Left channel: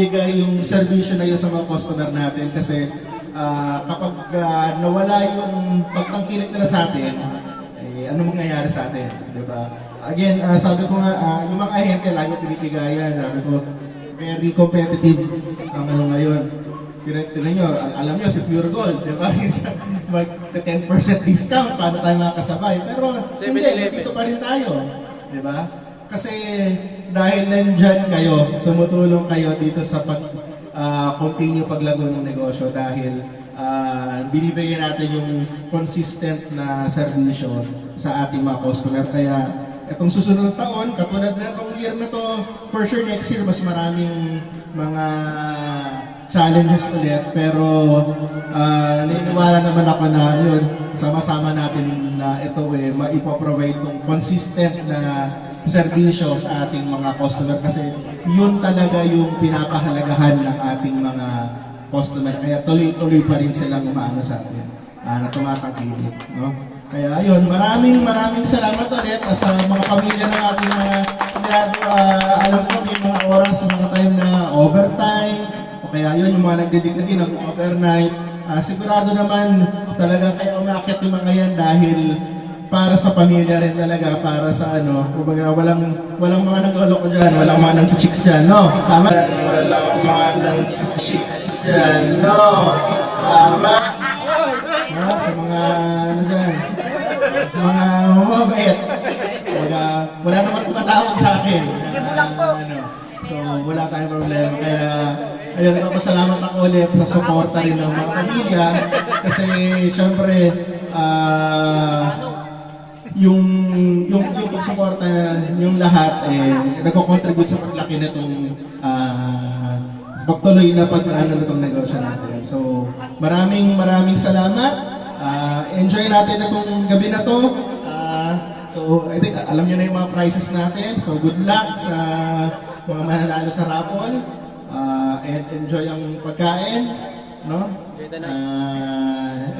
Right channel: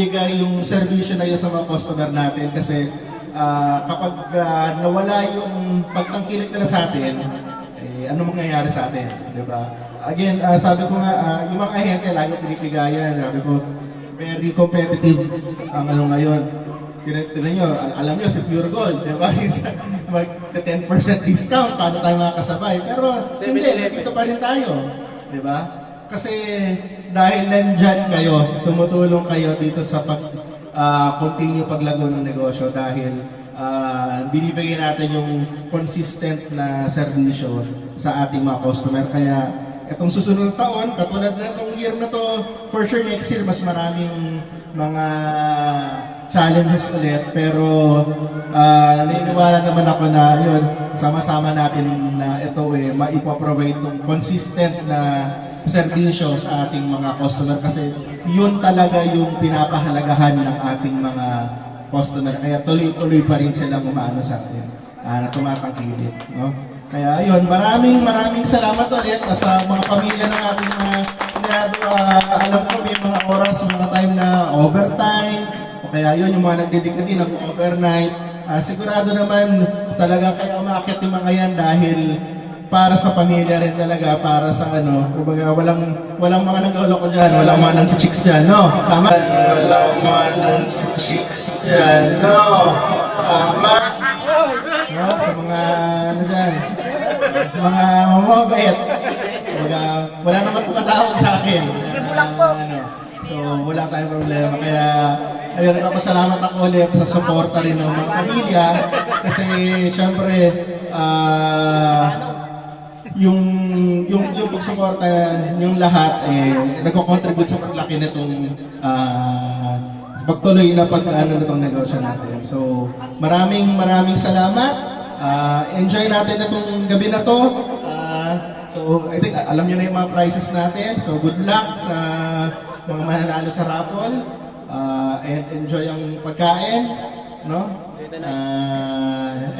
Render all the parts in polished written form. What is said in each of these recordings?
ibigay yung servisyo na yun sa mga customer natin kasi kapag nawala yung pagtangkilik nila sa atin, ano mangyayari sa atin, di ba? Again, sabi ko nga, yung mga ahente lagi pinipigayan, sabi ko, very competitive ang ano ngayon. Tinan nyo, alam nyo si Pure Gold, di ba? Mag-10% discount, paano tayo makakasabay? Pero hindi, dito pa rin tayo, di ba? Kasi dahil nandyan kayo, tumutulong kayo dito sa continue paglago ng negosyo dahil binibigyan natin yung consistent na serbisyo sa ating mga customer. Kaya itong susunod taon, katulad na itong year na to, for sure next year mas maraming mga challenges ulit. Pero naniniwala naman ako na yun, sama-sama natin na ito maipoprovide itong consistent na serbisyo sa ating mga customer kasi yun talaga yung pinapahalagahan ng ating mga customer. Kaya tuloy-tuloy pa rin silang umaano sa atin na tumatangkilik, no? Kaya ayun, maraming salamat ulit sa mga pamilya ng ating mga alam ko may mga oras sa mga time na overtime o kaya yun yung mga nagdedicate ng overnight. Sigurado naman talagang kayo umakit yung mga yan dahil para sa pamilya rin talaga, para sa ano, kumbaga walang mga nagloloko dyan, walang mga nang-chicks dyan, no? Tama? Walang mga nang-chicks dyan, no? Tama? No? Sa mga, ano dyan, sa mga mamabait. Kumbaga, wala naman tumatawag sa akin. So, wala tayong problema. Kaya, ayun, salamat ako ulit sa suporta rin ng mga pamilya. Kasi, syempre, yung pagsuporta yung lahat nagko-contribute sa paglaki nitong pagtuloy na nitong negosyo natin. So maraming salamat. Enjoy natin itong gabi na to. So I think alam niyo na yung mga prizes natin. So good luck sa mga mananalo sa raffle. And enjoy ang pagkain, no?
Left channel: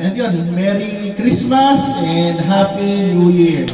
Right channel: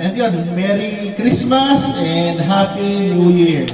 And yun, Merry Christmas and Happy New Year!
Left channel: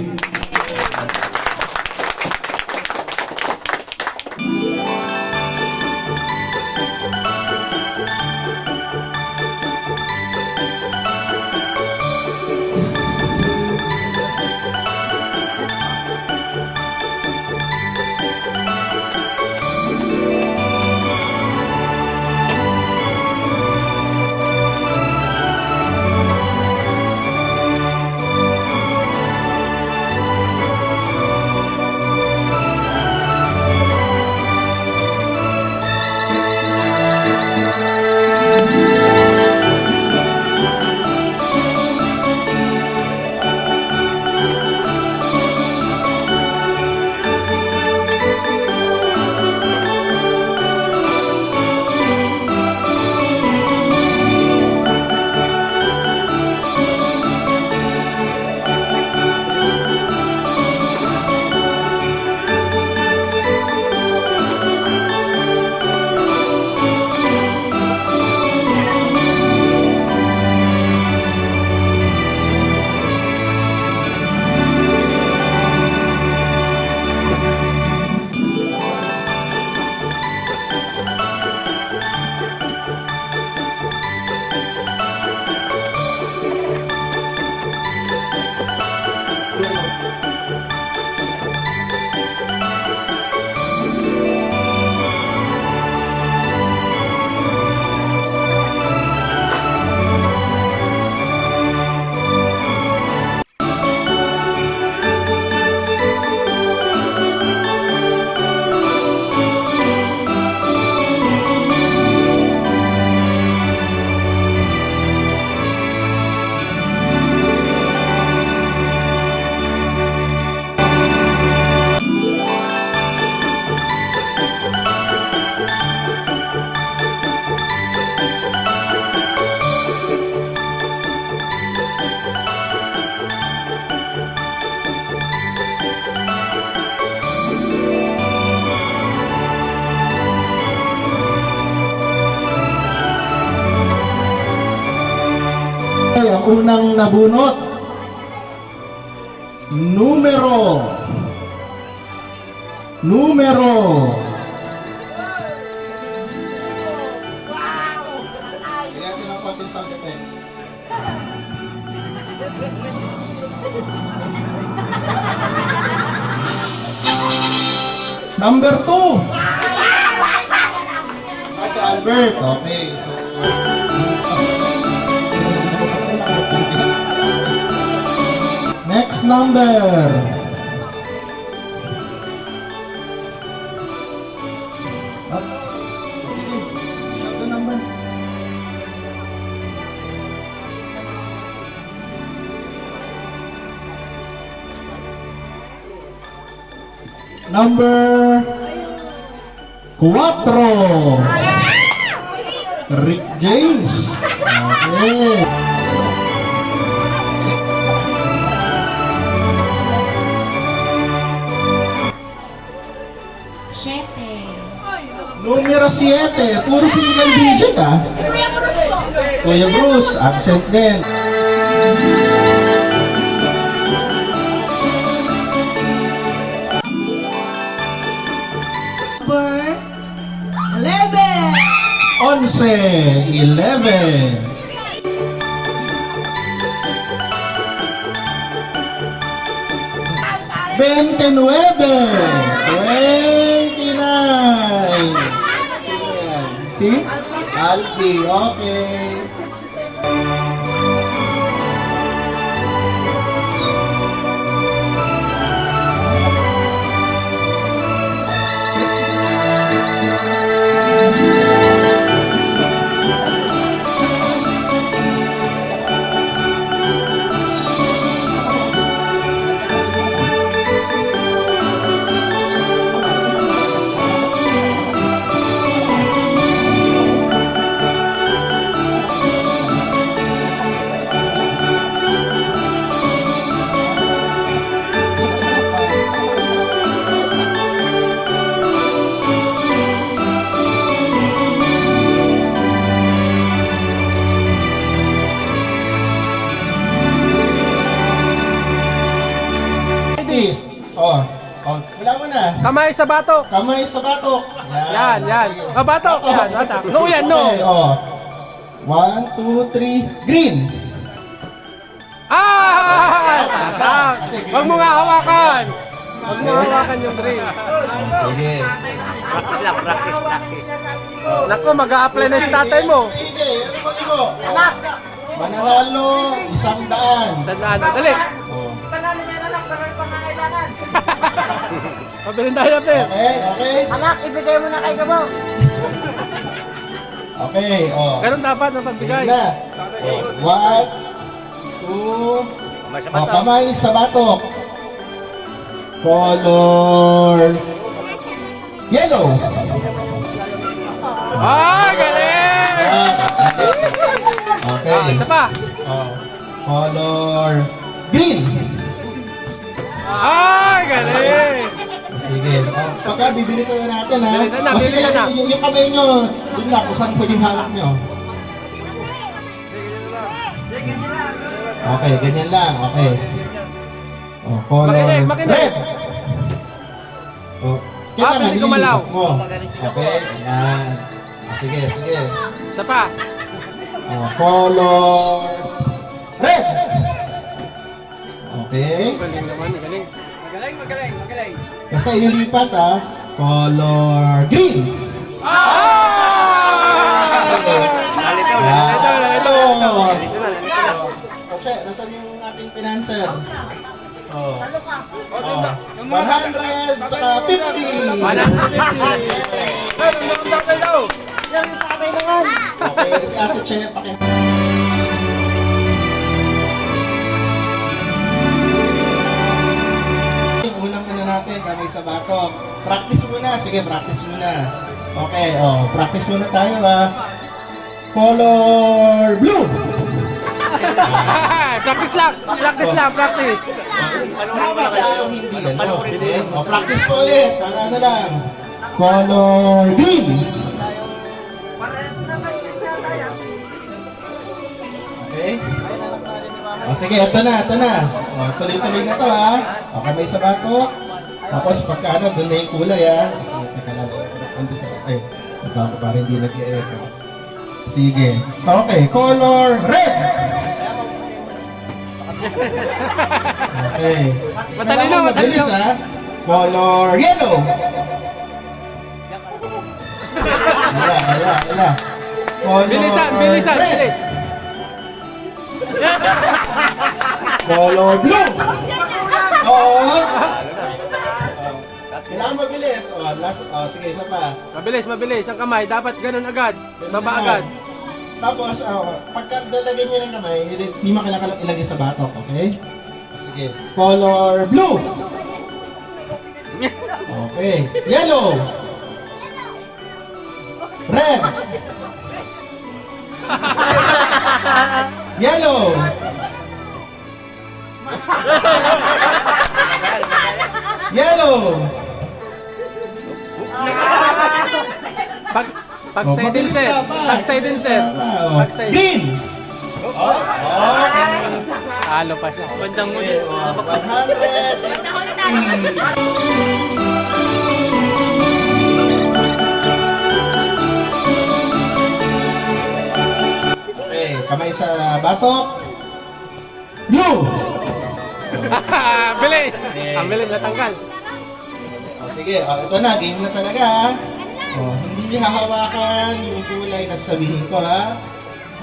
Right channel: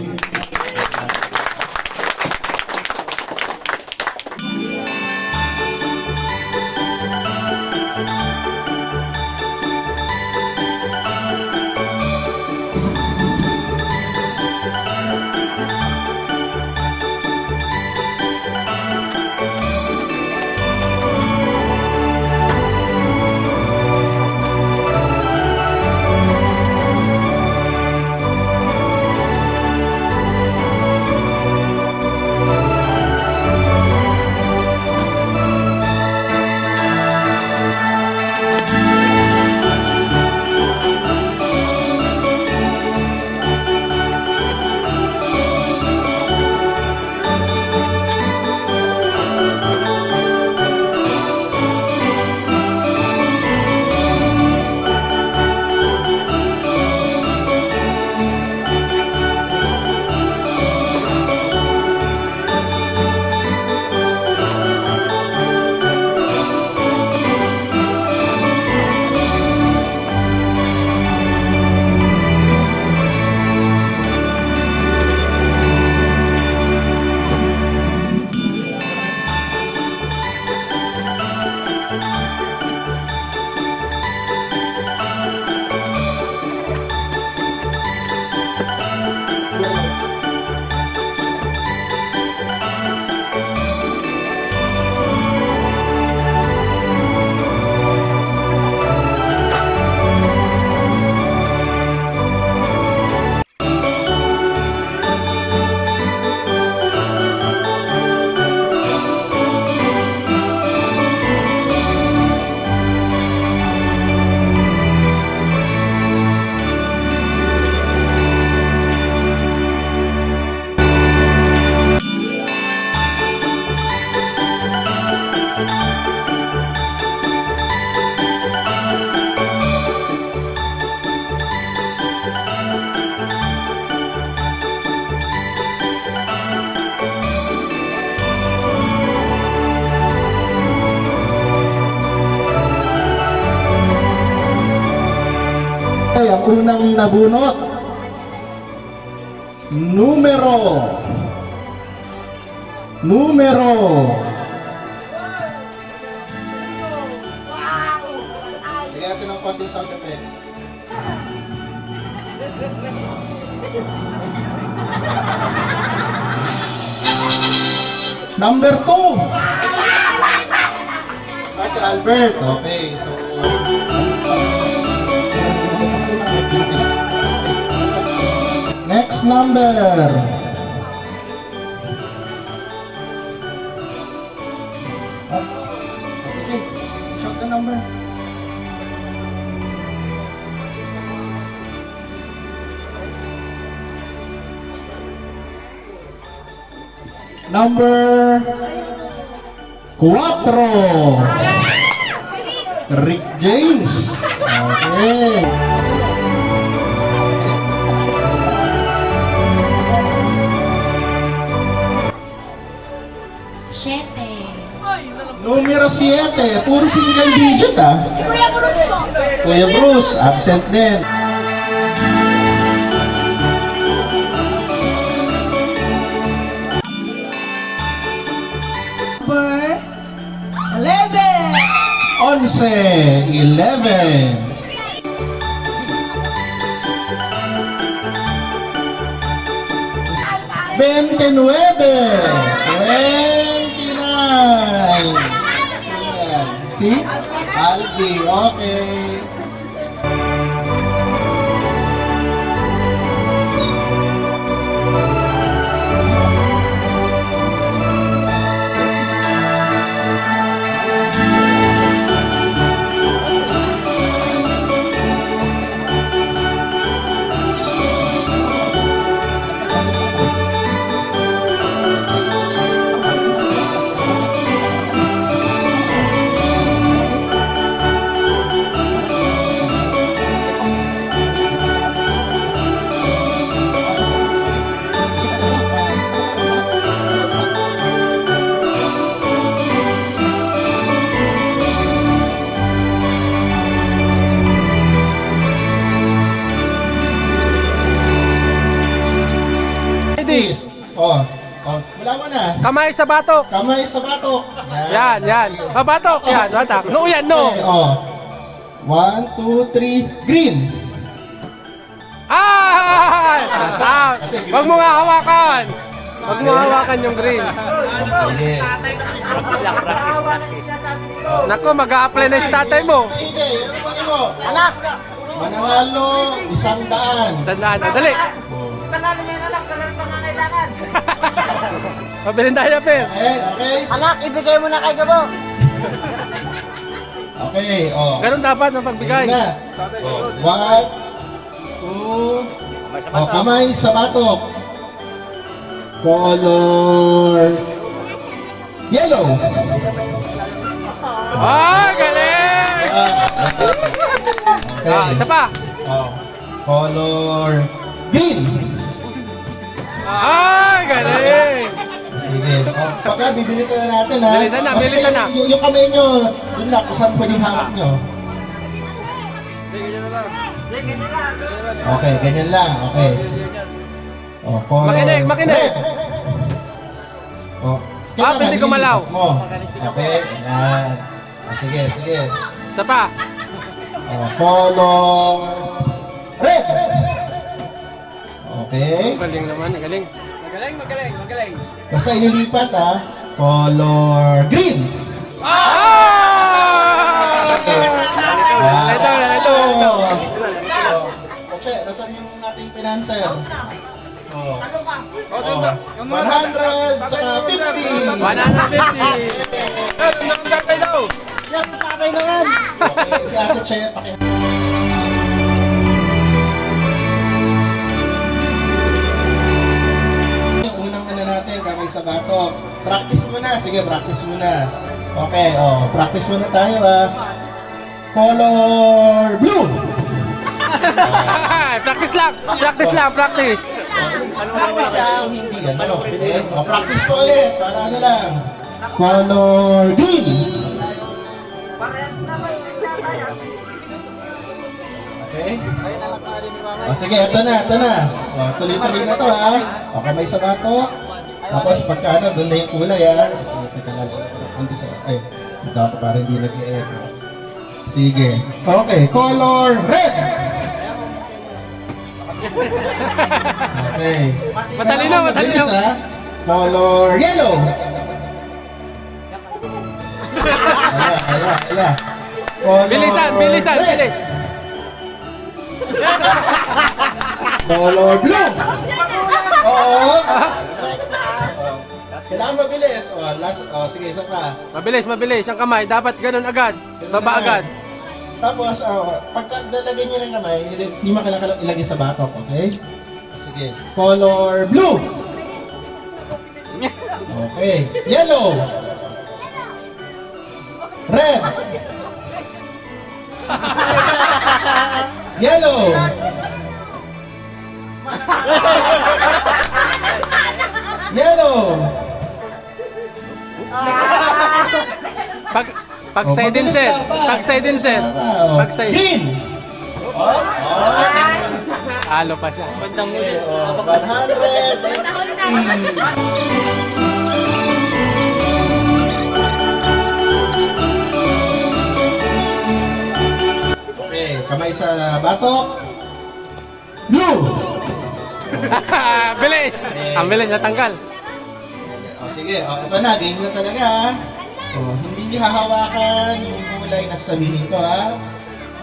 Ang unang nabunot, numero 4. ng konting sound effects. Number 2. Si Albert. Okay, so... Next number. Okay, shot the number. Number 4. Rick James. Okay. Numero 7. Puro single digit ah. Kuya Bruce po. Kuya Bruce, absent din. Number 11. 11. 29. Si Albi, okay. Ladies, oh, wala mo na. Kamay sa batok. Kamay sa batok. Yan. Batok. Yan, batok. No yan, no. Okay, oh. 1, 2, 3, green. Ah! Kasi green. Huwag mo nga hawakan. Huwag mo hawakan yung green. Sige. Naku, mag-a-apply na yung tatay mo. Sige, ano ba mo? Mananalo, 100. Sandaan na. Dali. Oh. Pabilin tayo, Pe. Okay. Anak, ibigay mo na kay Gabo. Okay, oh. Ganun dapat mapagbigay. Sige na. Oh, 1, 2, oh, kamay sa batok. Color yellow. Ah, galing! Okay. Isa pa. Oh, color green. Ah, galing! Sige. Oh, pagka bibilisan na natin ha. Bilisan na, Kasi bilisan na. yung kamay nyo, yun na, kung saan po yung hawak nyo. Okay, ganyan lang. Okay. Oh, color Makinig. red. Oh, Ah, pwede gumalaw. Mo. Okay, yan. Sige. Isa pa. Oh, color red. Okay. Galing naman, galing. Basta ililipat ha. Color green. Ito. Okay, nasan yung ating financer? Oh. 100 saka 50. 150. daw. Okay, si Ate Che, unang natin, kamay sa batok. Practice muna. Sige, practice muna. Okay, oh, practice muna tayo ha. Color blue. Practice lang. Practice. Ano hindi ano? Okay. Oh, practice po ulit. Para ano lang. Color green. Okay? O sige, ito na. O, tuloy-tuloy na to ha. O, kamay sa batok. Tapos pagka ano, doon na yung kulay ha. Sige, teka lang. Ay, ito ako parang hindi nag-i-echo. Sige. Okay, color red. Okay. Matalino, matalino. Bilis, ha? Color yellow. Ala. Color Bilisan, bilisan, red. bilis. Color blue. Oo. Kailangan mabilis. Sige, isa pa. Mabilis, mabilis. Ang kamay, dapat ganun agad. Baba agad. Tapos, pagka lalagyan nyo ng kamay, hindi mo kailangan ilagay sa batok, okay? Sige. Color blue. Okay. Yellow. Red. Yellow. Yellow. Pag side in set. Pag side in set. Pag side. Green. Halo pa siya. Bandang mo. 100. Okay, kamay sa batok. Blue. Bilis. Ang bilis natanggal. Sige, ito na, game na talaga, ha? Hindi hahawakan yung kulay na sasabihin ko, ha?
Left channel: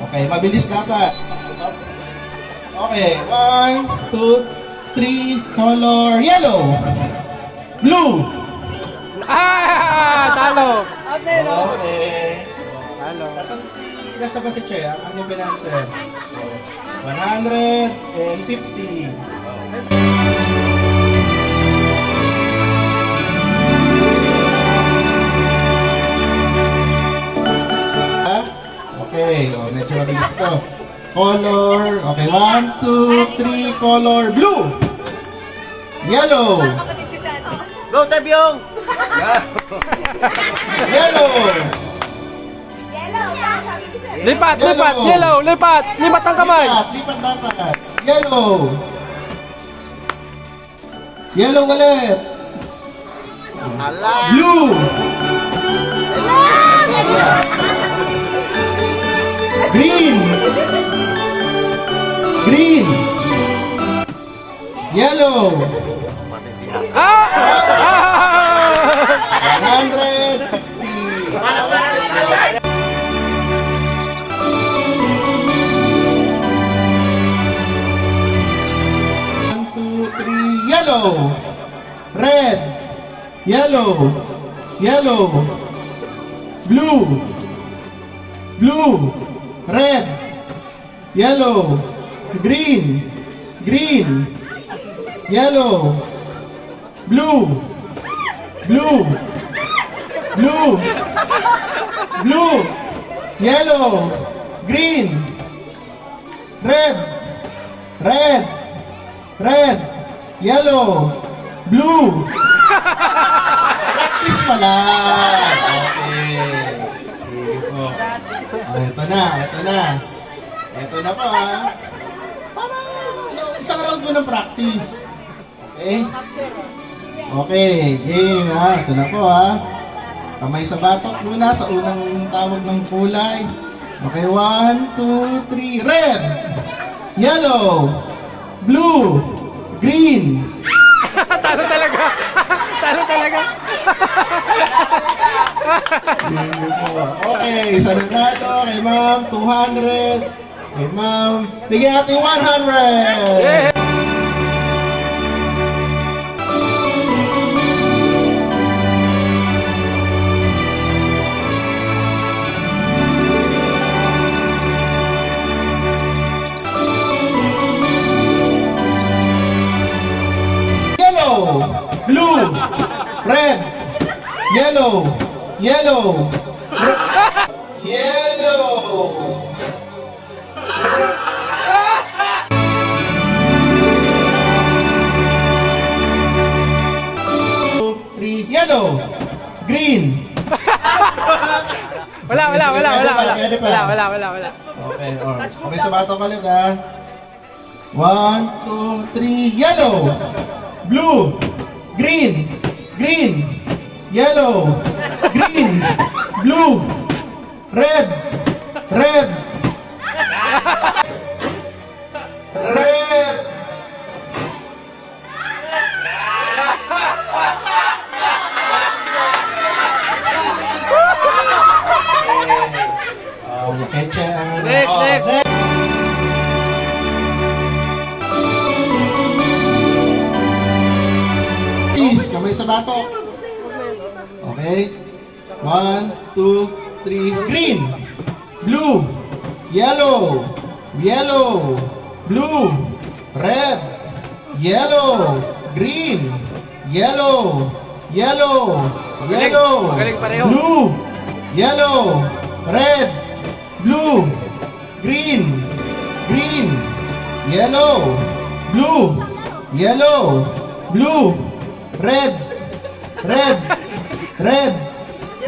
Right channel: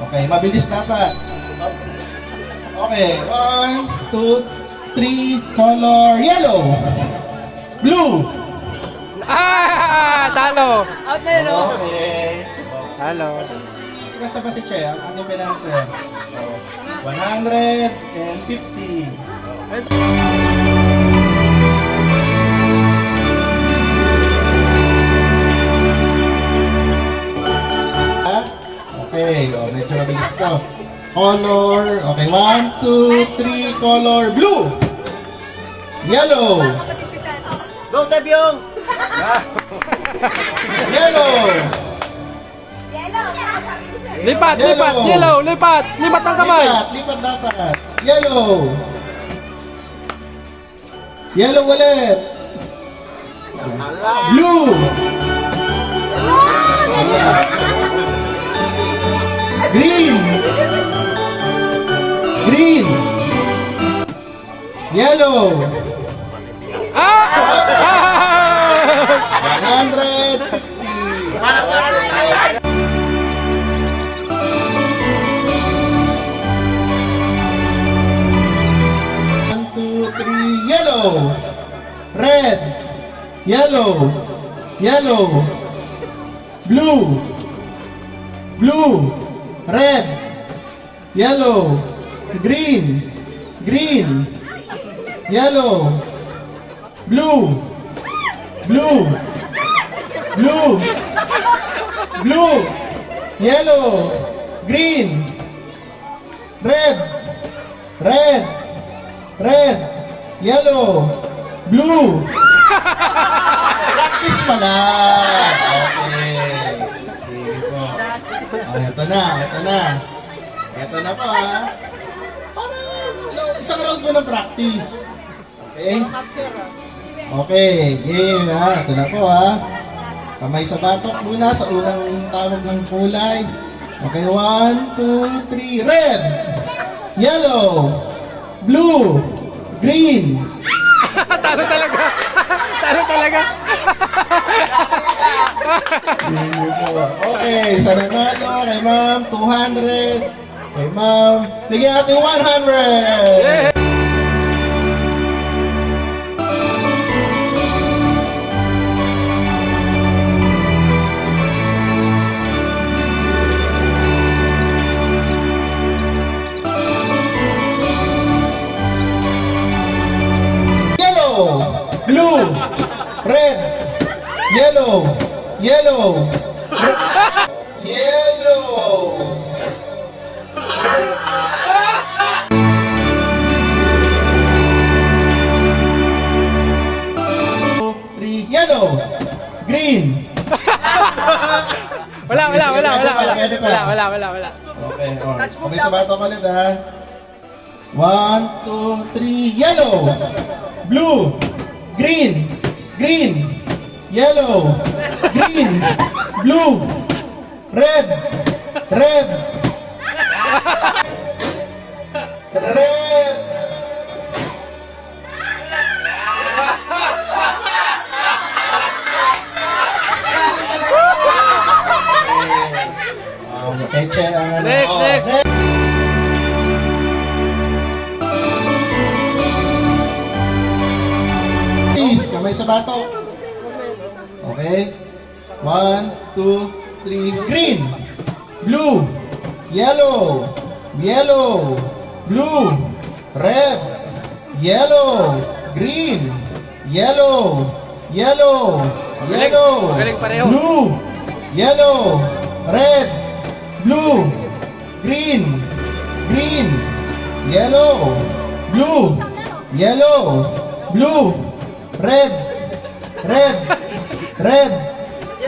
Okay, mabilis dapat. Okay, 1, 2, 3, color yellow. Blue. Talo. Okay. Talo. Nasa ba si Che? Ang ating financer. 150. Okay, medyo mabilis ito. Color, okay, 1, 2, 3, color blue. Yellow. Go, Tabyong! Yellow. Lipat, lipat. Yellow, lipat. Lipat ang kamay. Lipat dapat. Yellow. Yellow ulit. Blue. Green. Green. Yellow. 150. One, two, three, yellow. Red. Yellow. Yellow. Blue. Blue. Red. Yellow. Green. Green. Yellow. Blue. Blue. Blue. Blue. Yellow. Green. Red. Red. Red. Yellow. Blue. Practice pala. Okay. Sige po. Ito na. Ito na. Ito na po, ha. Parang isang round mo ng practice. Okay? Okay. Game, ha. Ito na po, ha. Kamay sa batok muna sa unang tawag ng kulay. Okay, 1, 2, 3. Red. Yellow. Blue. Green. Talo talaga. Talo talaga. Okay, sa nanalo kay ma'am, 200. Kay ma'am, bigyan natin 100. Yellow, blue, red, yellow, yellow, yellow. Three, yellow, green. Wala. Pwede pa. Wala. Okay, okay, sa bato ko ulit, ha. 1, 2, 3, yellow, blue, green, green, yellow, green, blue, red, Red! Red! Okay, check ang ano. Next, next. Please, kamay sa bato. Okay. 1, 2, 3. Green. Blue. Yellow. Yellow. Blue. Red. Yellow. Green. Yellow. Yellow. Yellow. Magaling pareho. Blue. Yellow. Red. Blue. Green. Green. Yellow. Blue. Yellow. Blue. Red. Red. Red.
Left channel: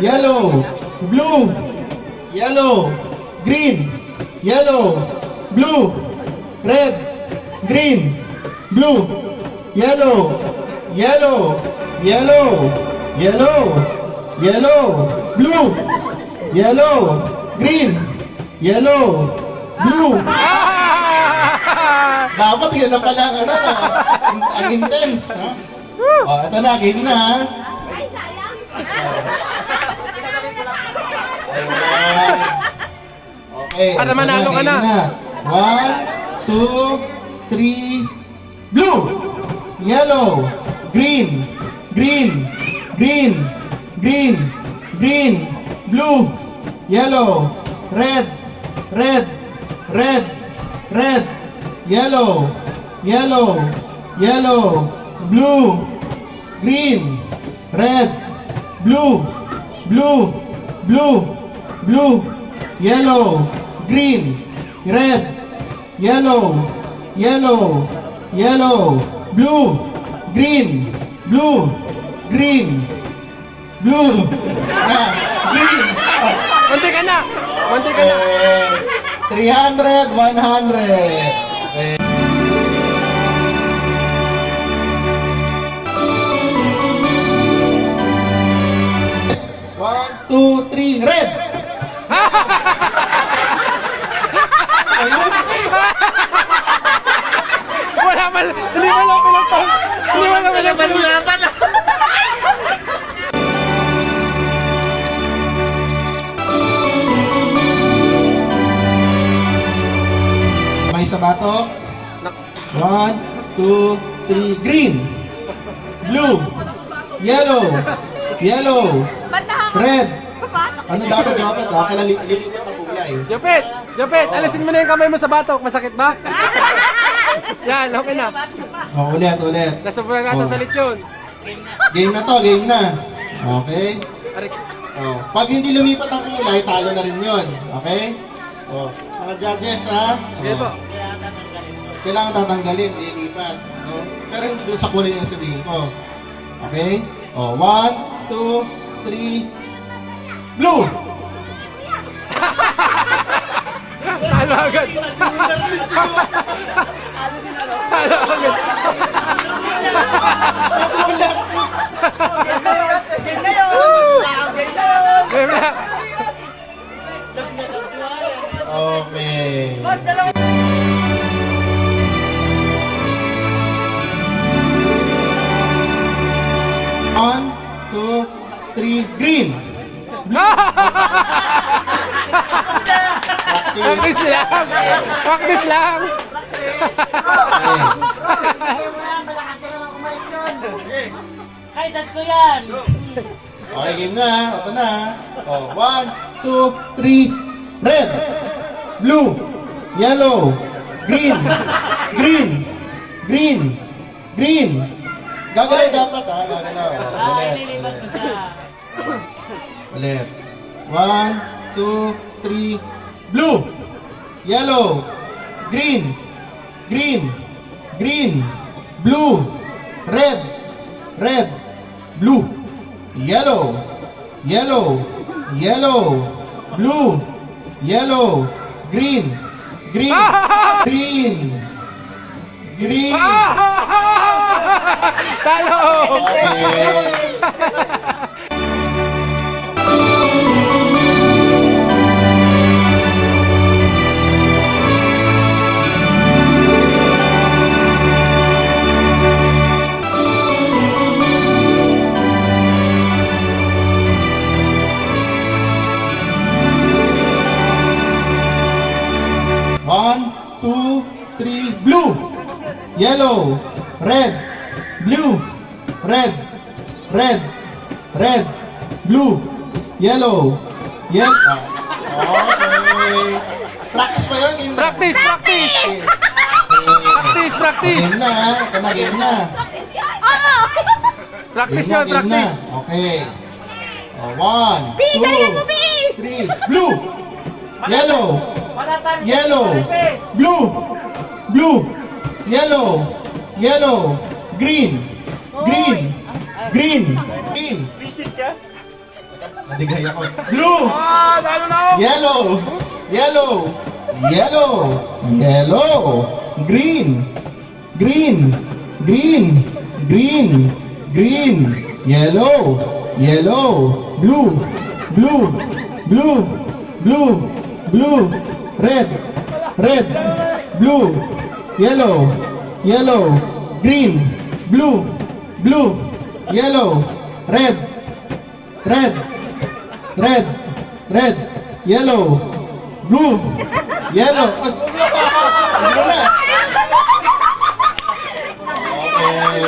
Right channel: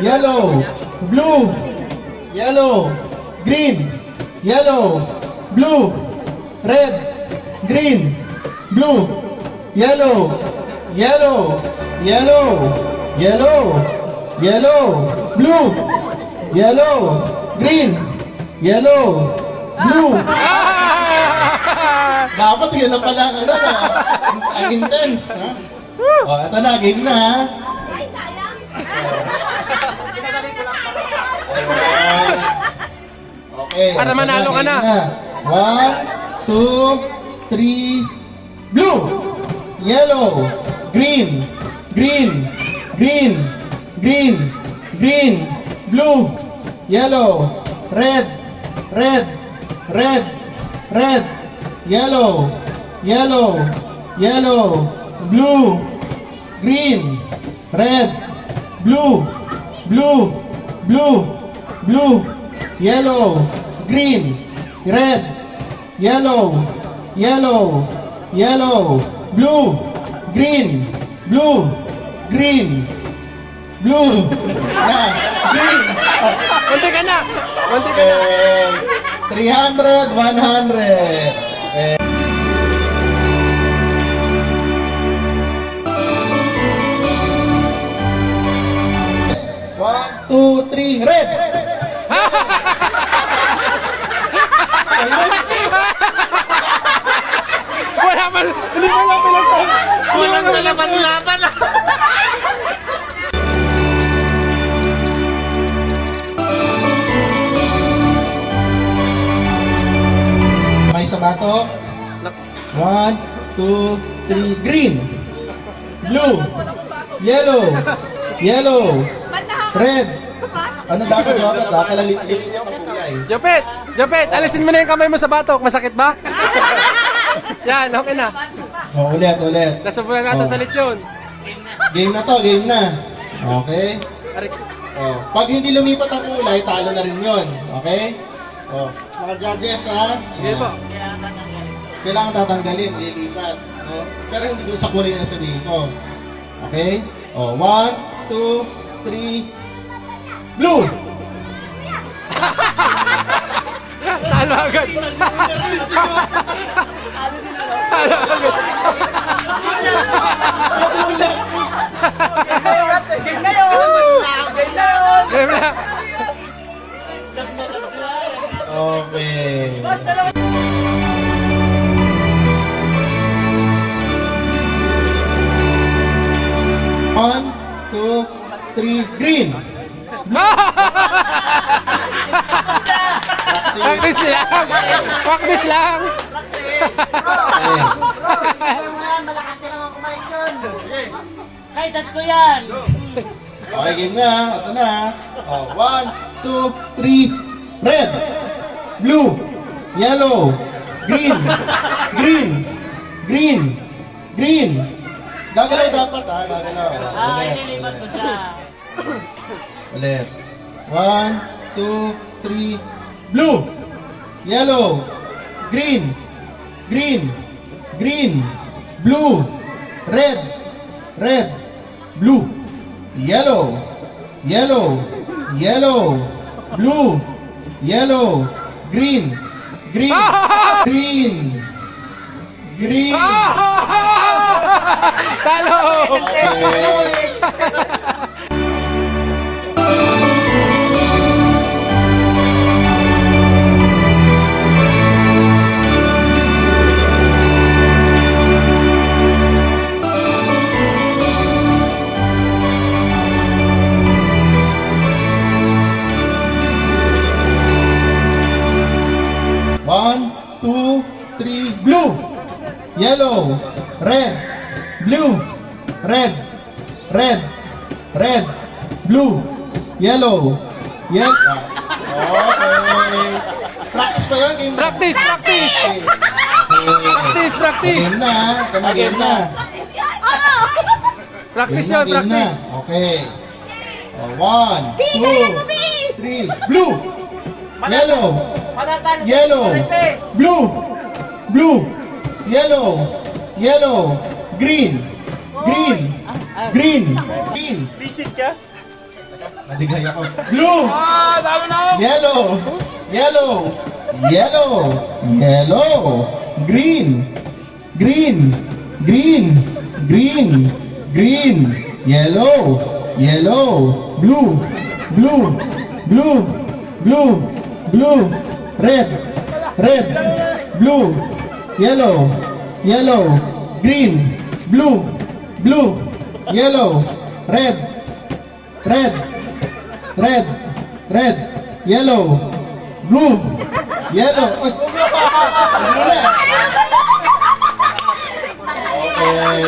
Yellow. Blue. Yellow. Green. Yellow. Blue. Red. Green. Blue. Yellow. Yellow. Yellow. Yellow. Yellow. Blue. Yellow. Green. Yellow. Blue. Dapat yun na pala ang ano, ang intense, ha? O, ito na, game na, ha? Ayun. Okay. Para ito manalo ka game na. 1, 2, 3, blue, yellow, green, green, green, green, green, blue, yellow, red, red, red, red, yellow, yellow, yellow, blue, green, red, blue, blue, blue, blue, yellow, green, red, yellow, yellow, yellow, blue, green, blue, green, blue, green. Konti ka na. Konti ka na. 300, 100. One, two, three, red! Wala man. Hindi mo lang pinagpang. Hindi mo lang pinagpang. May sa bato. 1, 2, 3, green. Blue. Yellow. Yellow. Red. Ano dapat? Dapat lilinya ang kulay. Japet! Japet! Alisin mo na yung kamay mo sa batok. Masakit ba? Yan, okay na. So, ulit. Nasubulan natin Oh. sa lechon. Game na to, game na. Okay? Arik. Oh, pag hindi lumipat ang kulay, talo na rin yun. Okay? Oh, mga judges, ha? Sige po. Kailangan tatanggalin, ililipat. No? Pero hindi doon sa kulay na sabihin ko. Okay? Oh, 1, 2, 3, blue! Talo agad. Talo agad. Wala. Game na yun! Game na yun! Game na. Okay. Boss, dalawa! One, two, three, green! Practice lang. Practice lang. Kahit tatlo yan! Okay, game na. Ito na. Oh, 1, 2, 3, red, blue, yellow, green, green, green, green. Gagalaw dapat, ha? Gagalaw. Ulit. Ulit. 1, 2, 3, blue, yellow, green, green, green, blue, red, red, blue, yellow, yellow, yellow, blue, yellow, green, green, green, green. Talo. Okay. 2, 3, blue. Yellow. Red. Blue. Red. Red. Red. Blue. Yellow. Yellow. Okay. Practice pa yun? Game na? Practice, practice! Practice, practice! Game na. Ito na, game na. Practice Game na, yun, game practice! na. Okay. 1, 2, 3, blue. Yellow. Yellow. Blue. Blue. Yellow. Yellow. Green. Green. Green. Green. Visit ka? Nadigay ako. Blue. Ah, talo na ako! Yellow. Yellow. Yellow. Yellow. Green. Green. Green. Green. Green. Yellow. Yellow. Blue. Blue. Blue. Blue. Blue. Red. Red. Blue. Yellow. Yellow. Green. Blue. Blue. Yellow. Red. Red. Red. Red. Yellow. Blue. Yellow. Ay, ano na? Okay.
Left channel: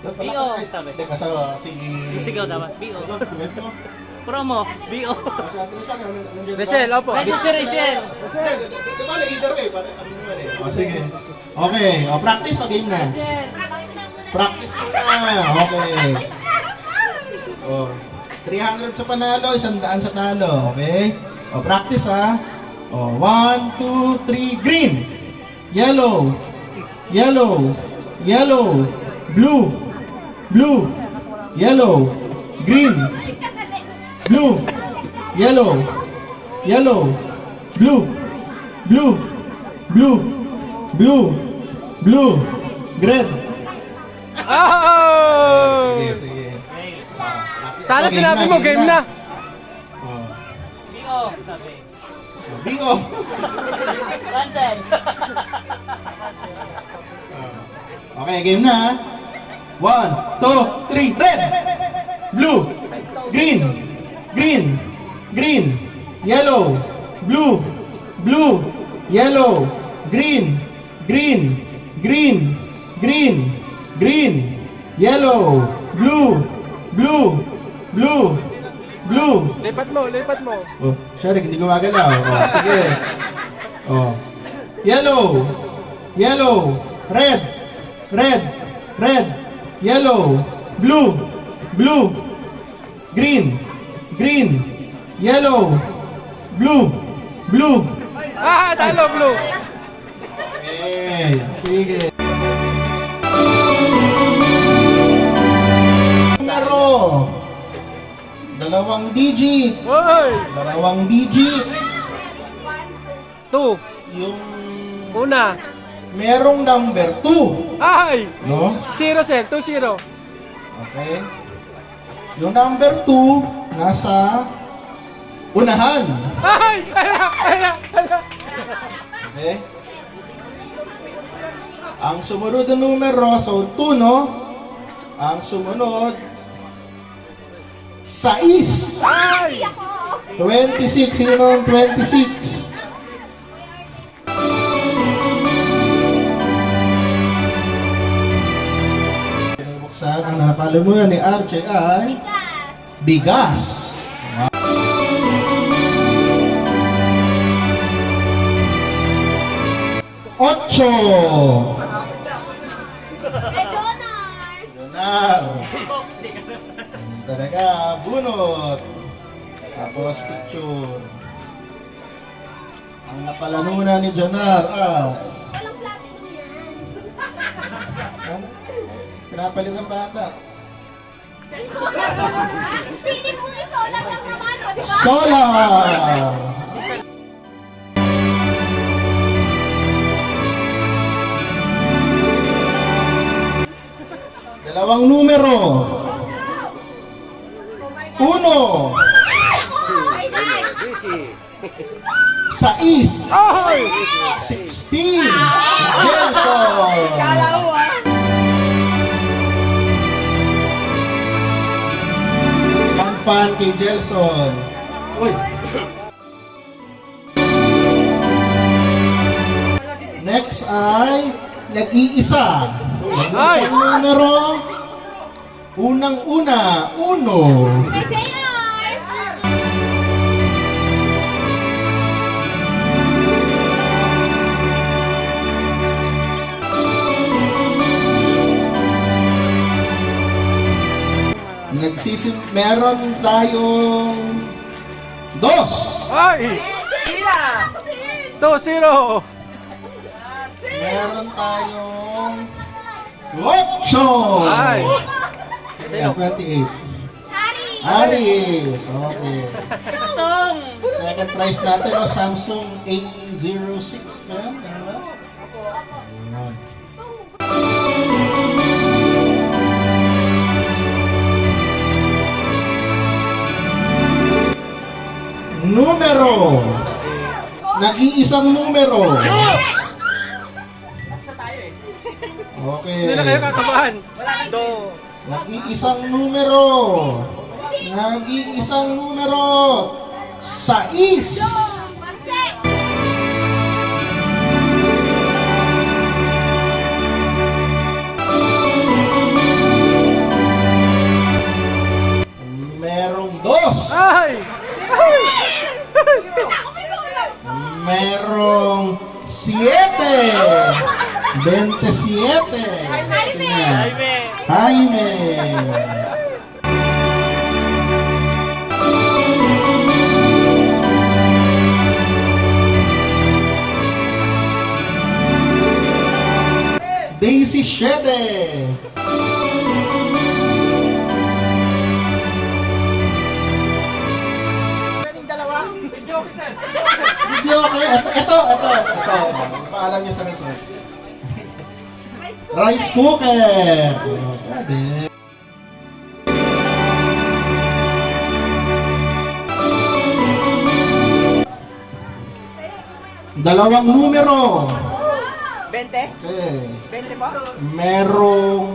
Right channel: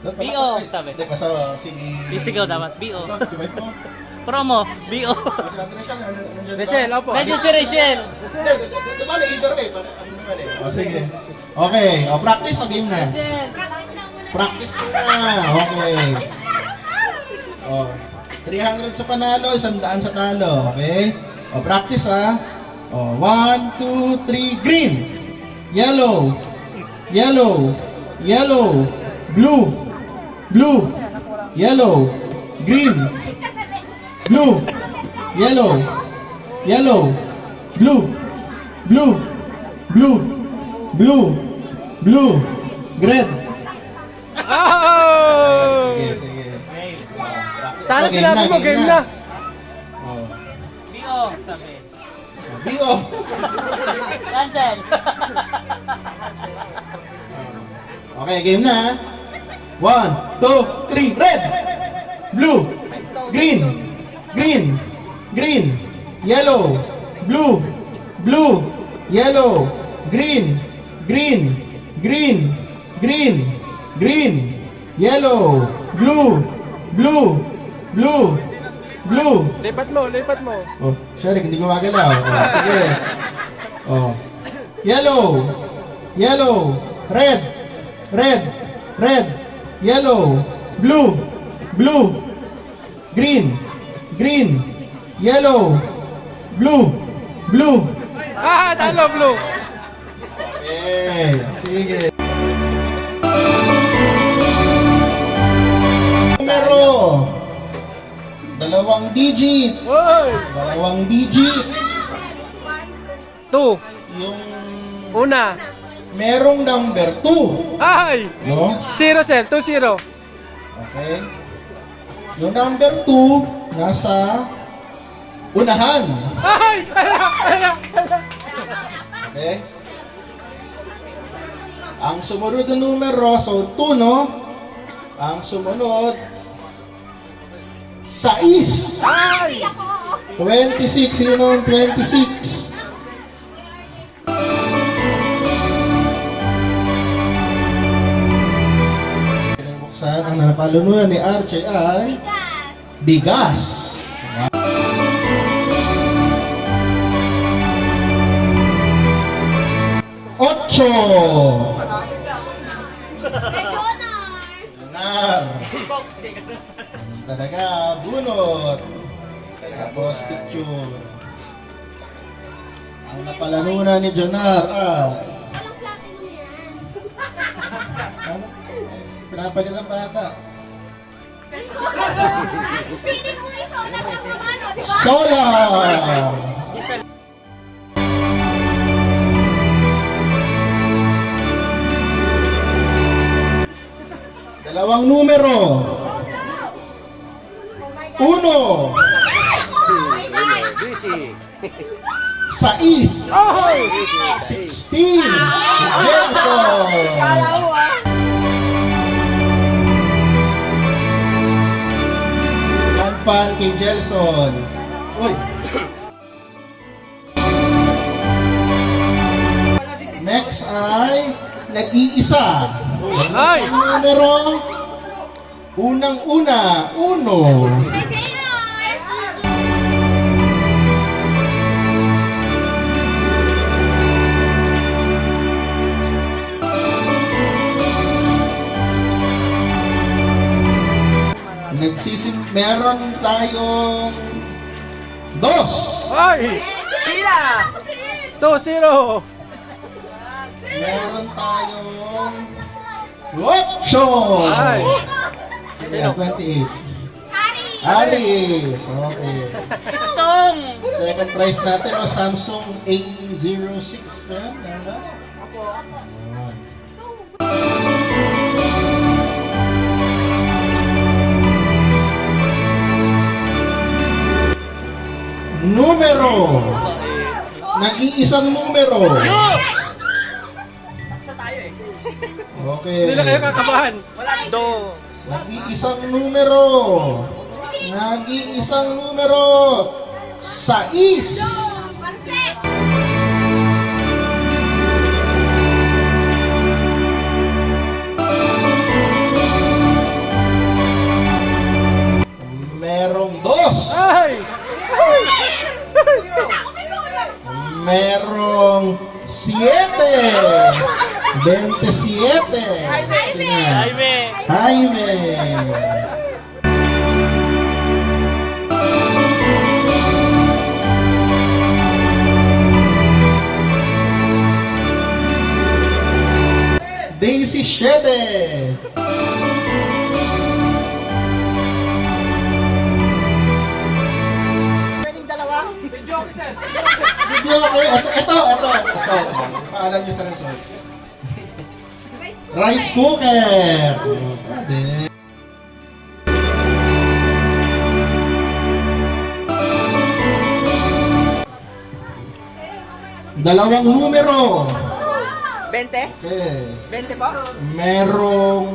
B.O. sabi. Hindi, kasi si... Sisigaw dapat. B.O. Si wife mo? Promo. B.O. Si Andres, nandiyan ba? Rachel, opo. Nandiyan si Rachel. Hindi, dumali, either way. Ano naman eh. O, sige. Okay, practice o game na? Practice muna. Okay. O, 300 sa panalo, 100 sa talo. Okay? O, practice ha. O, 1, 2, 3, green. Yellow. Yellow. Yellow. Blue. Blue. Yellow. Green. Blue. Yellow. Yellow. Blue. Blue. Blue. Blue. Blue. Red. Oh! Sige, sige. Sana Game sinabi mo, game na. Oh. B.O. sabi. Bingo. Cancel. Okay, game na ha. 1, 2, 3, red. Blue. Green. Green. Green. Yellow. Blue. Blue. Yellow. Green. Green. Green. Green. Green. Yellow. Blue. Blue. Blue. Blue. Lipat mo, lipat mo. Oh, sorry, hindi gumagalaw. Oh, sige. Oh. Yellow. Yellow. Red. Red. Red. Yellow. Blue. Blue. Green. Green. Yellow. Blue. Blue. Ah, talo, blue. Okay. Sige. Numero. Dalawang digit. Hoy! Dalawang digit. 2. Yung Una. merong number 2. Ay! No? 0, sir. 2-0. Okay? Yung number 2, nasa unahan. Ay! Ala! Ala! Ala! Okay? Ang sumunod na numero, so 2, no? Ang sumunod, 6. Ay! 26. Sino ang 26? Binubuksan ang napalunuran ni RJ ay bigas. Ocho. Benar. Talaga, bunot. Tapos picture. Ang napalanunan ni Jonar ano? Pinapalit ang bata. Piling mo isola lang naman, o, di ba? Sola! Dalawang numero. Uno. Sais. Ay! 16. Gelson. Pan kay Gelson. Uy. Next ay nag-iisa. Ay! Ang numero, unang-una, uno. JR! Meron tayong dos. Ay! 2-0! Meron tayong ocho. Ay! Ayan, 28. Hari! Aris. Okay. Stong! Second prize natin, Samsung A06. Ayan, diba? Ayan. Numero. Nag-iisang numero. Okay. Hindi na kayo kakabahan. Nag-iisang numero. Nag-iisang numero. 6. Pansek! Merong dos. Ay! Merong 7. 27. Jaime! Jaime. Daisy 7. Video okay. Ito. Paalam niyo sa result. Rice cooker. Pwede. Dalawang numero. 20? Okay. 20 po? Merong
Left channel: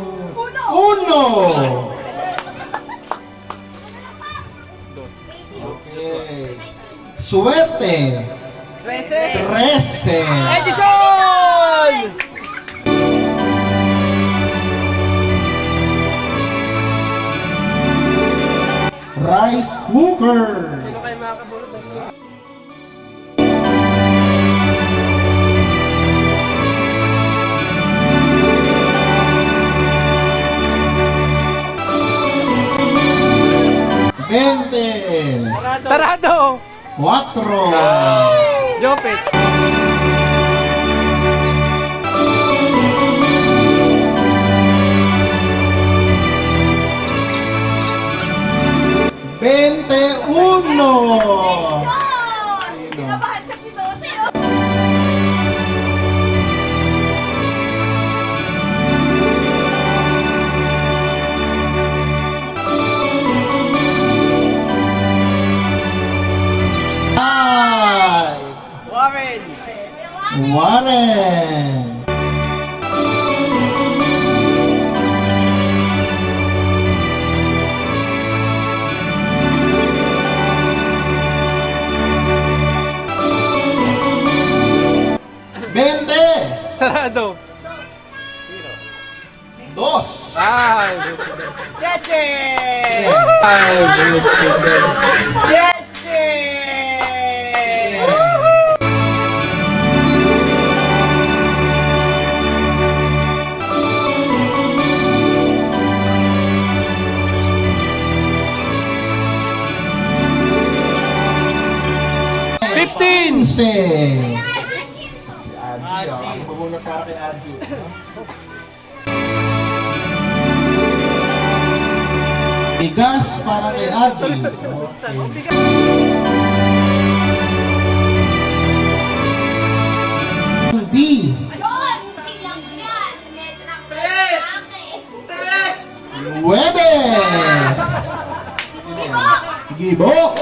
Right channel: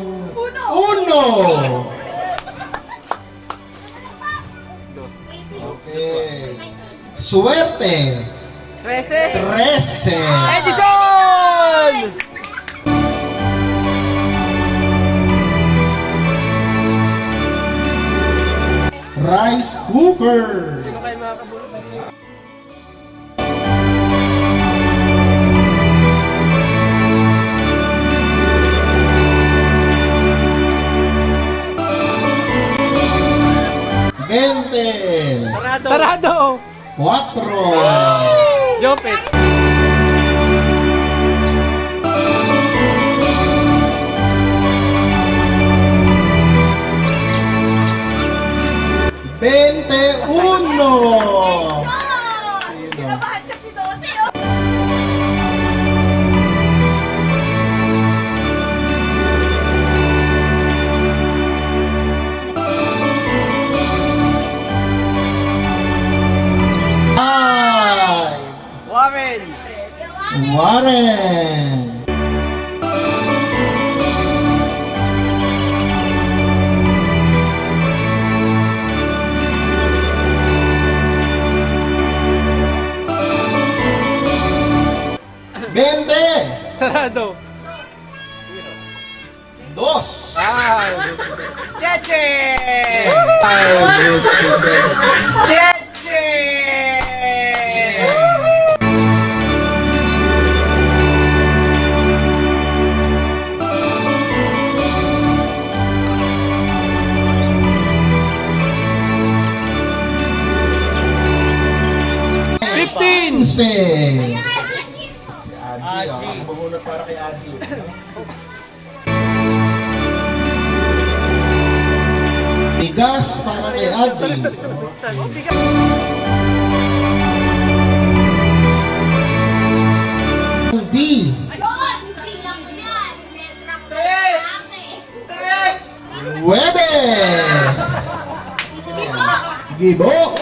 uno. Okay. Suwerte. 13? 13. Edison! Rice cooker. Sino kayo makakabulot? Sarado! 4. Jopit! Uno. Kinabahan sa si Dose, oh. Warren! Warren. Sarado! 2. Ay! Cheche! Ay, Cheche! Si Aji. Ang bumunot para kay Aji. Bigas para kay Aji. B. Ayun! Bilang yan. Letra ko lang. 9. Gibo.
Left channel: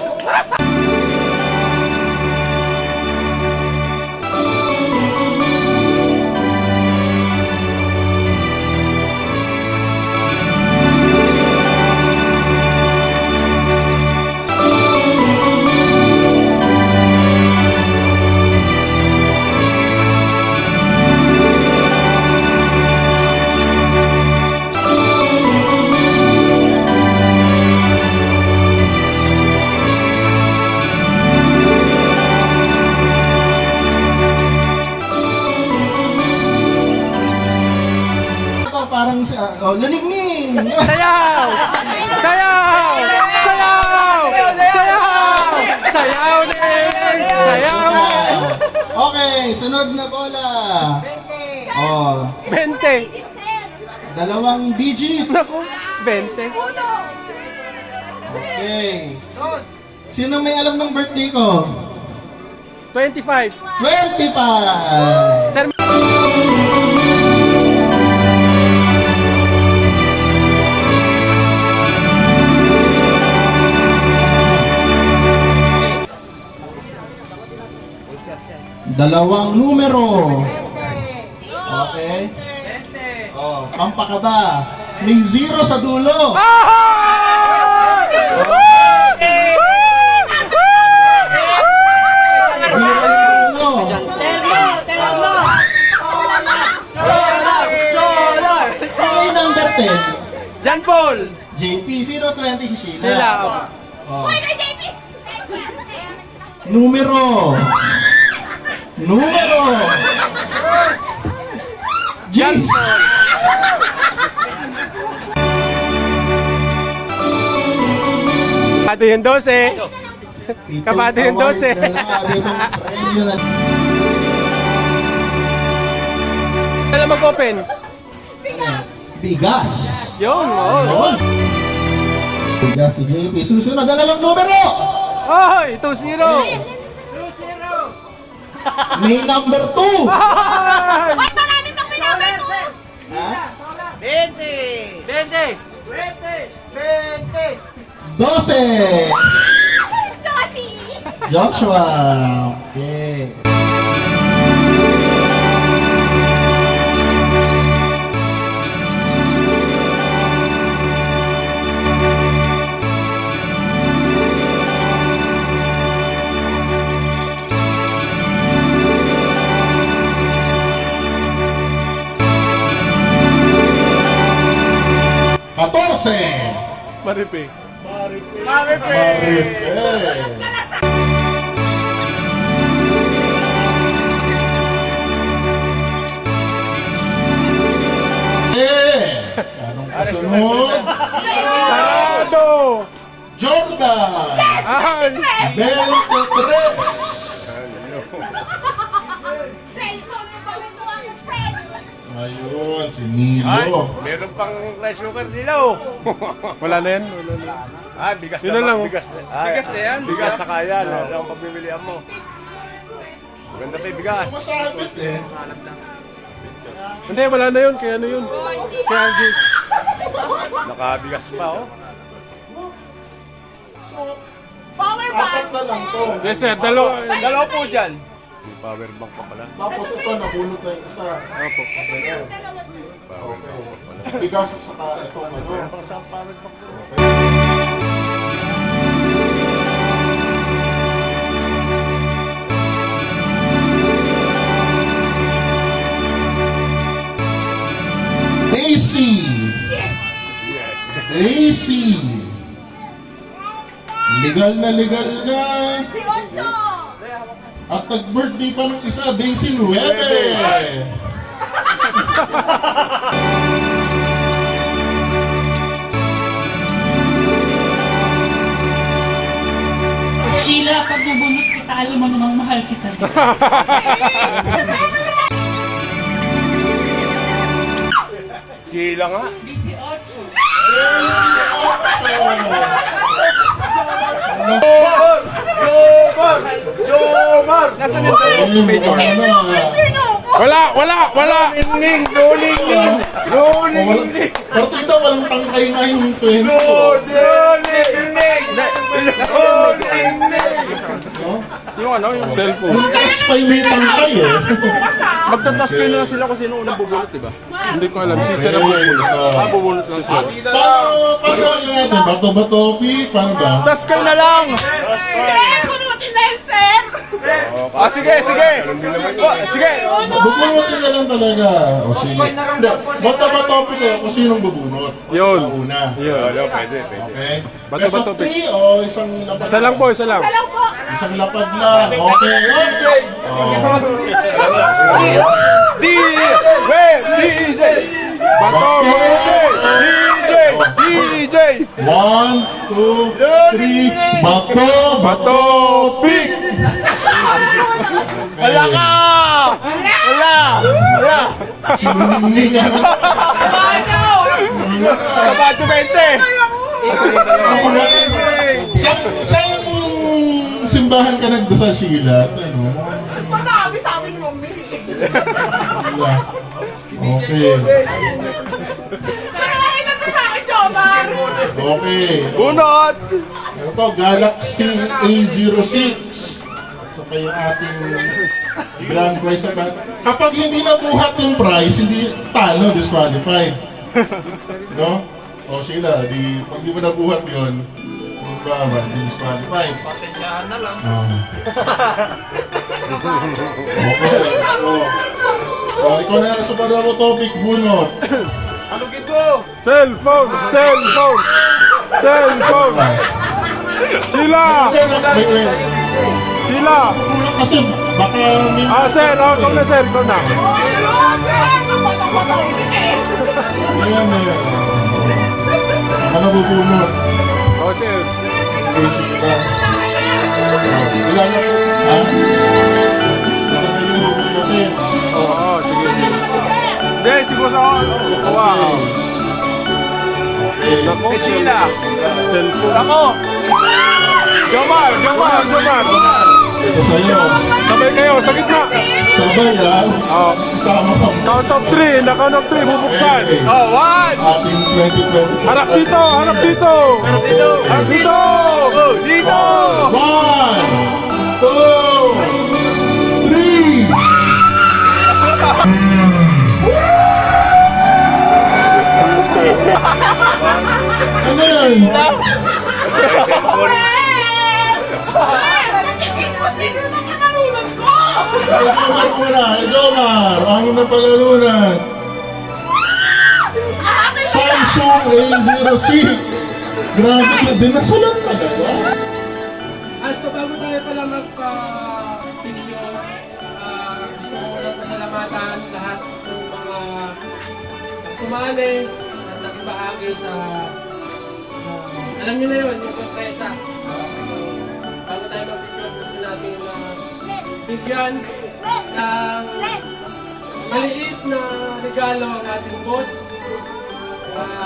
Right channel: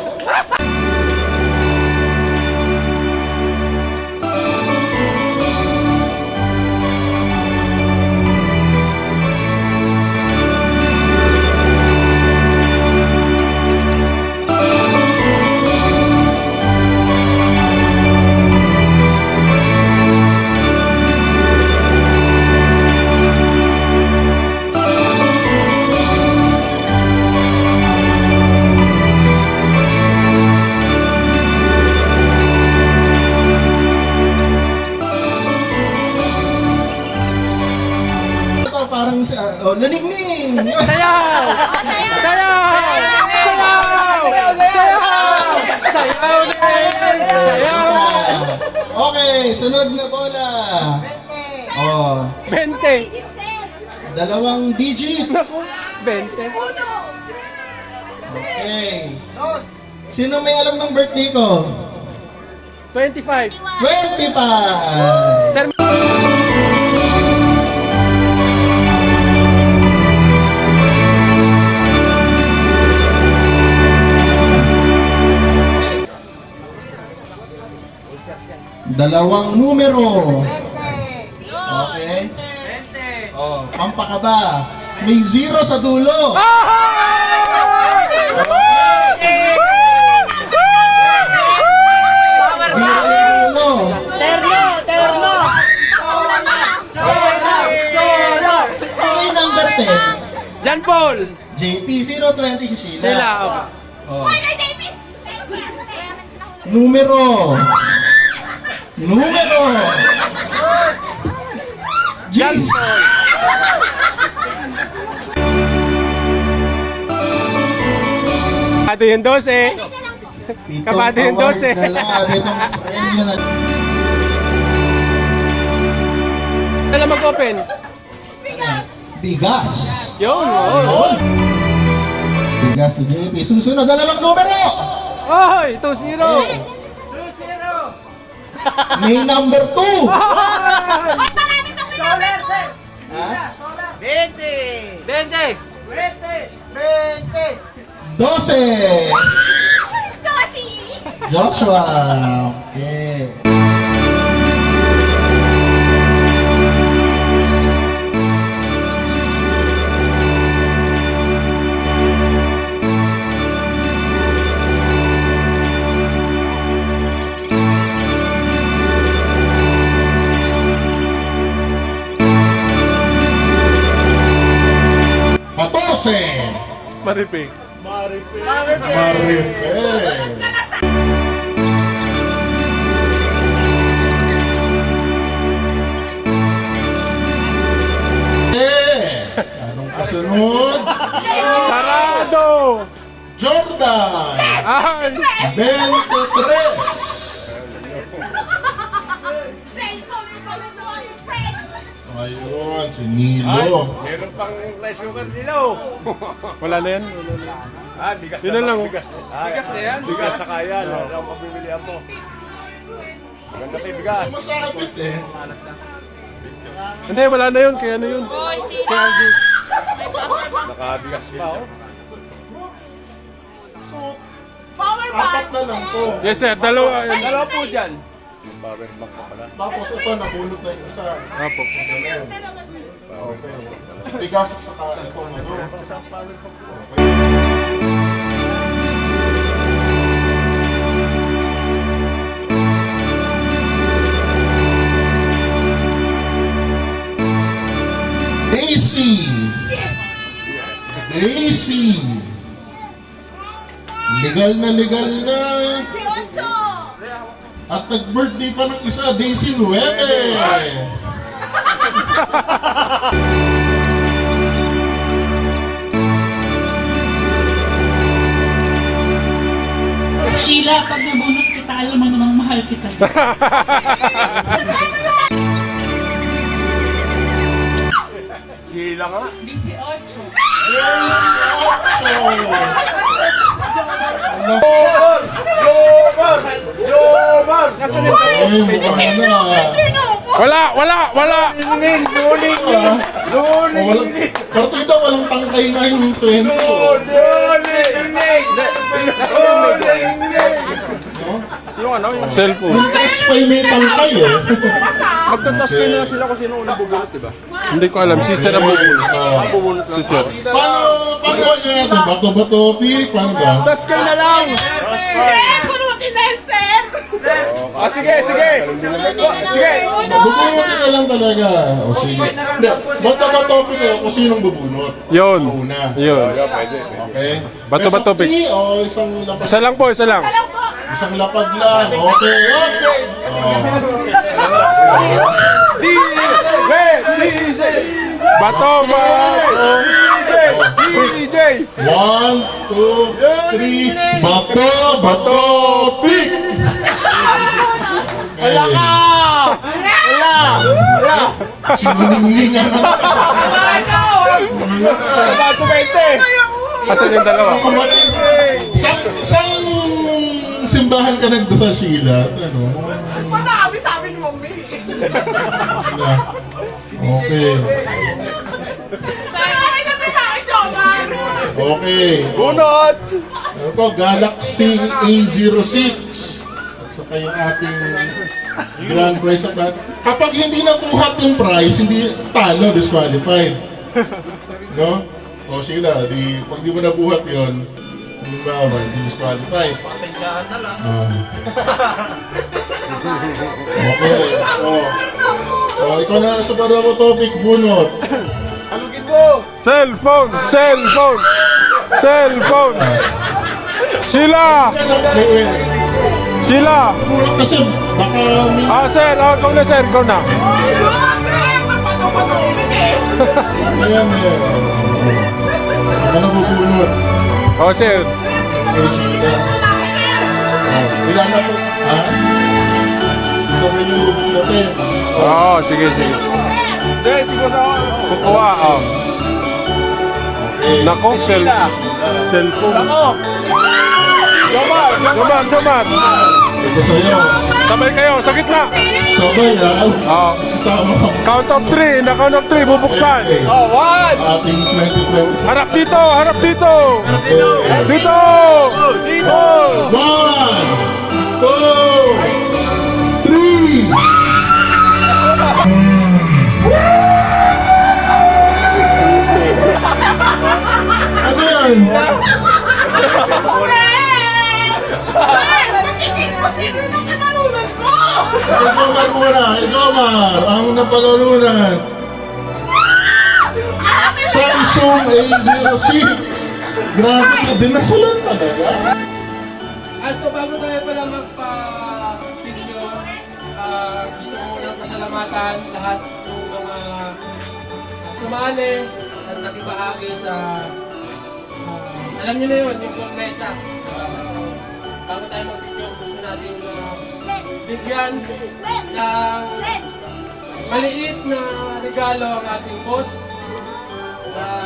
Laningning! Sayaw! Sayaw! Sayaw! Sayaw! Sayaw din! Sayaw! Okay, sunod na bola. Oh, 20! 2 digit. Naku, 20. Okay. Sino may alam ng birthday ko? 25. 25! Sir, Dalawang numero. Okay. Oh, pampakaba. May 0 sa dulo. Zero yung dulo. Sino yung number 10? John Paul! JP 020 si Sheila. Sila. Oh. Numero. Numero. John Jeez. Paul! Kabado yung 12. Kabado yung 12. Kailan mag-open? Bigas. Yun, oh. Yun. Bigas si JP. Susunod, 2 numero. Oy, 2-0. May number 2. Ay! Ha? 20! 12. Joshi! Joshua. Okay. Maripi. Anong kasunod? Sarado! Jordan. Ay! 23. Cellphone na pala ito ang friend. Ayun, si Nilo. Meron pang rasukan sila oh. Wala na yan? Wala na. Ah, bigas Yun na lang. Oh. Bigas na yan. Bigas sa kaya. Ano ang pagbibilihan mo? Maganda pa yung bigas. Masakit eh. Hindi, wala na yun. Kaya ano yun? Kaya RJ. Nakabigas pa oh. Apat na lang to. Yes sir, dalawa. Dalawa po dyan. Power bank pa pala. Tapos ito, nabulot na yung isa. Opo. Okay. Tigas sa kain ko ngayon. Okay. Daisy! Daisy! Legal na legal na. Si Ocho! At nag-birthday pa ng isa, Daisy 9. Sheila, pag nabunot kita, alam mo namang mahal kita. Sila nga. Wala! Luning yun. Partida walang tangkay na yung 20. Cellphone. Yung taas pa yung may tangkay eh. Magtatas kayo na sila kung sino unang bubulot, diba? Hindi ko alam. Si Sir ang bubulot. Bubulot lang. Si Sir. Paano natin? Bato-bato, pick, paano ba? Tas ka na lang! Bunutin na yan, sir! Ah, sige! Sige! Bubunutin na lang talaga. O sige. Hindi, bato-bato, pick kayo kung sinong bubunot. Yun. Ang una. Yun. Pwede. Okay? Bato-bato, Best of three o isang lapad? Isa lang po, isa lang. Isang lapad lang. Okay. Okay. Oh. Bato! 1, 2, 3, bato, pick! Wala ka! Wala! Sinuningning na. Kasi yung dalawa. Saan simbahan ka nagdasal, Sheila? Ano? Madami sa amin ni Mami. Wala. Okay. Ay, nagkasa akin, Jomar. Okay. Bunot! Ito, Galaxy A06. So kayo ating grand prize. Kapag hindi nabuhat yung prize, hindi talo, disqualified. No? O Sheila, pag di mo nabuhat yun, hindi ba, hindi disqualified. Okay. Ikaw na sa parang topic, Bunot. Cellphone! Cellphone! Cellphone! Sila! Sila! Kasi baka may... Sir, ako na sir, ko na. Ayan, Ako nabubunot. Sir. Okay, Sheila. Ilan na po? Ha? Ito na yung bubunot eh. Sige. Guys, si boss ako. Kukuha ako. Okay. Nako, cellphone. Nako! Jomar! Ito sa'yo. Sabay kayo, sa gitna. Sabay ha? Kasama ka. Count of 3, naka-count of 3, bubuksan. Ating 2020. Harap dito! Harap dito! Okay. Dito! Dito! 1, 2, 3. Ano yan? Sino na kanalunan ko? Jomar muna. Jomar, ang napagalunan. Samsung A06. Grabe ka din. Nasalan talaga. So bago tayo pala magpa-video, gusto ko lang pasalamatan lahat ng mga sumali at nagbahagi sa, alam niyo na yun, yung sorpresa. Bago tayo mag-video, gusto natin bigyan ng maliit na regalo ng ating boss.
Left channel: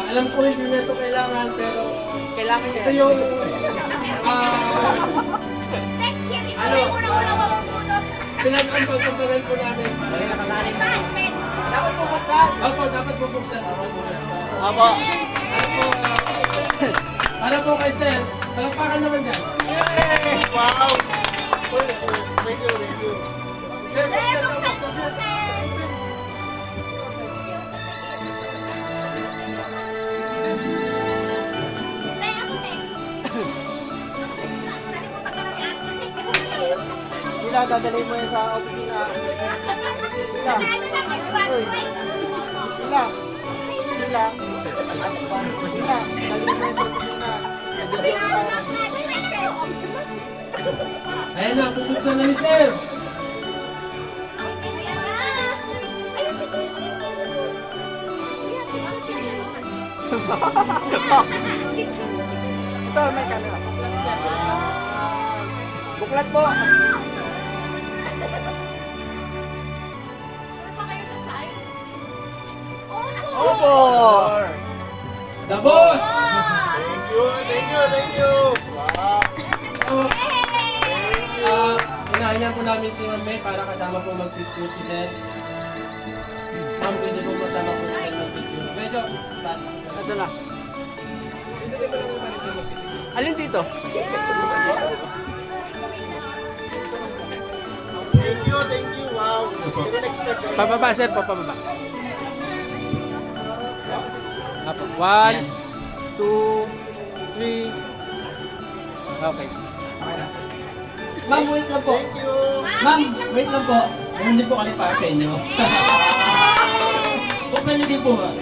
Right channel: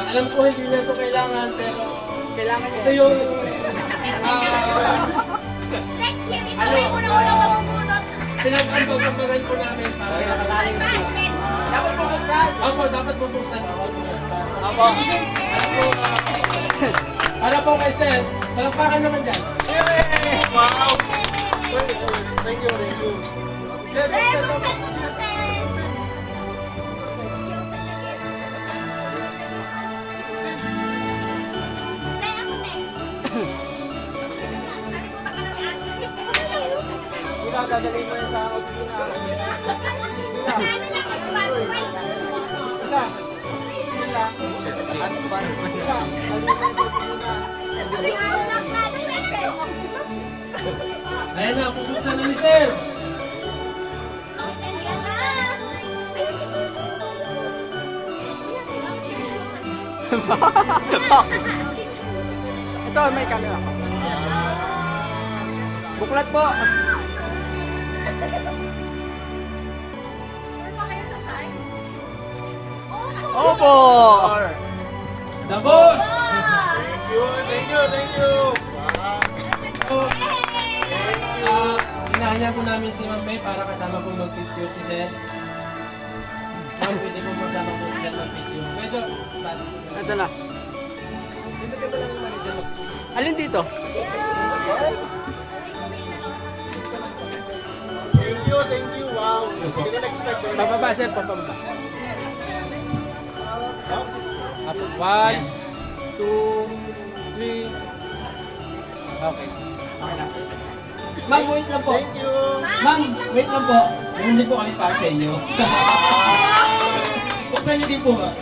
Alam ko hindi na ito kailangan, pero ito yung pinag-ambag-ambagan po namin para dapat bubuksan. Opo, dapat bubuksan. Opo. Para po kay Sir, palakpakan naman dyan. Wow! Thank you. Sir, buksan naman. Dadalhin mo yun sa opisina. Ayan na, bubuksan na ni Sir. Ito, may camera. Buklat po. Opo! The boss! Thank you. So, inaanyan po namin si Ma'am May para kasama po mag-picture si Sir. Ma'am, pwede po masama po si Sir mag-picture. Medyo, Ito na. Alin dito? Thank you. Wow. Hindi ko na-expect. pababa Sir, pababa. 1, 2, 3. Okay. Ma'am, wait lang po. Ma'am, wait lang po. Hindi po kami para sa inyo. Buksan niyo din po ba?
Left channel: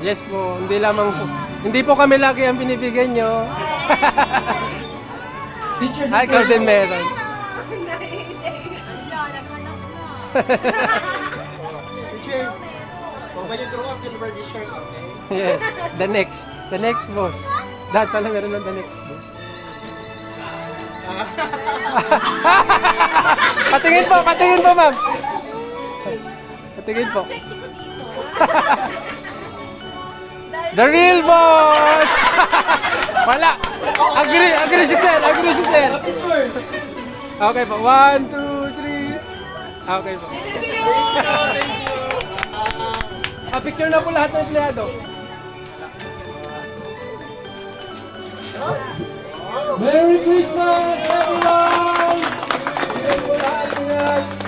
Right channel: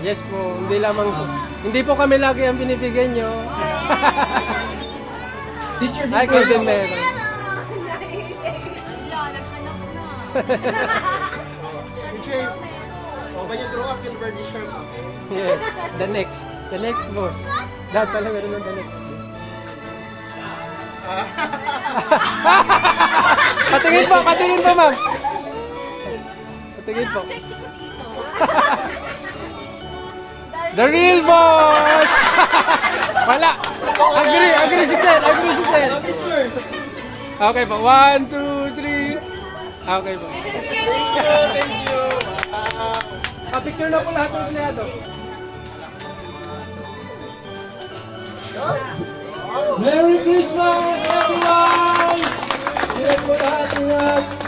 Yes po, hindi po kami lagi ang binibigyan nyo. Picture din Ay, po. kayo din meron. Naghanap na. when you grow up, you'll wear this shirt, okay? Yes, the next boss. Dahil pala meron ng the next boss. Patingin po, ma'am. Patingin po. Sexy ko dito. The real boss! Wala! Agree si Sel. Okay po, 1, 2, 3. Okay po. Thank you. Picture na po lahat ng empleyado. Merry Christmas, everyone! Ingat po lahat, ingat!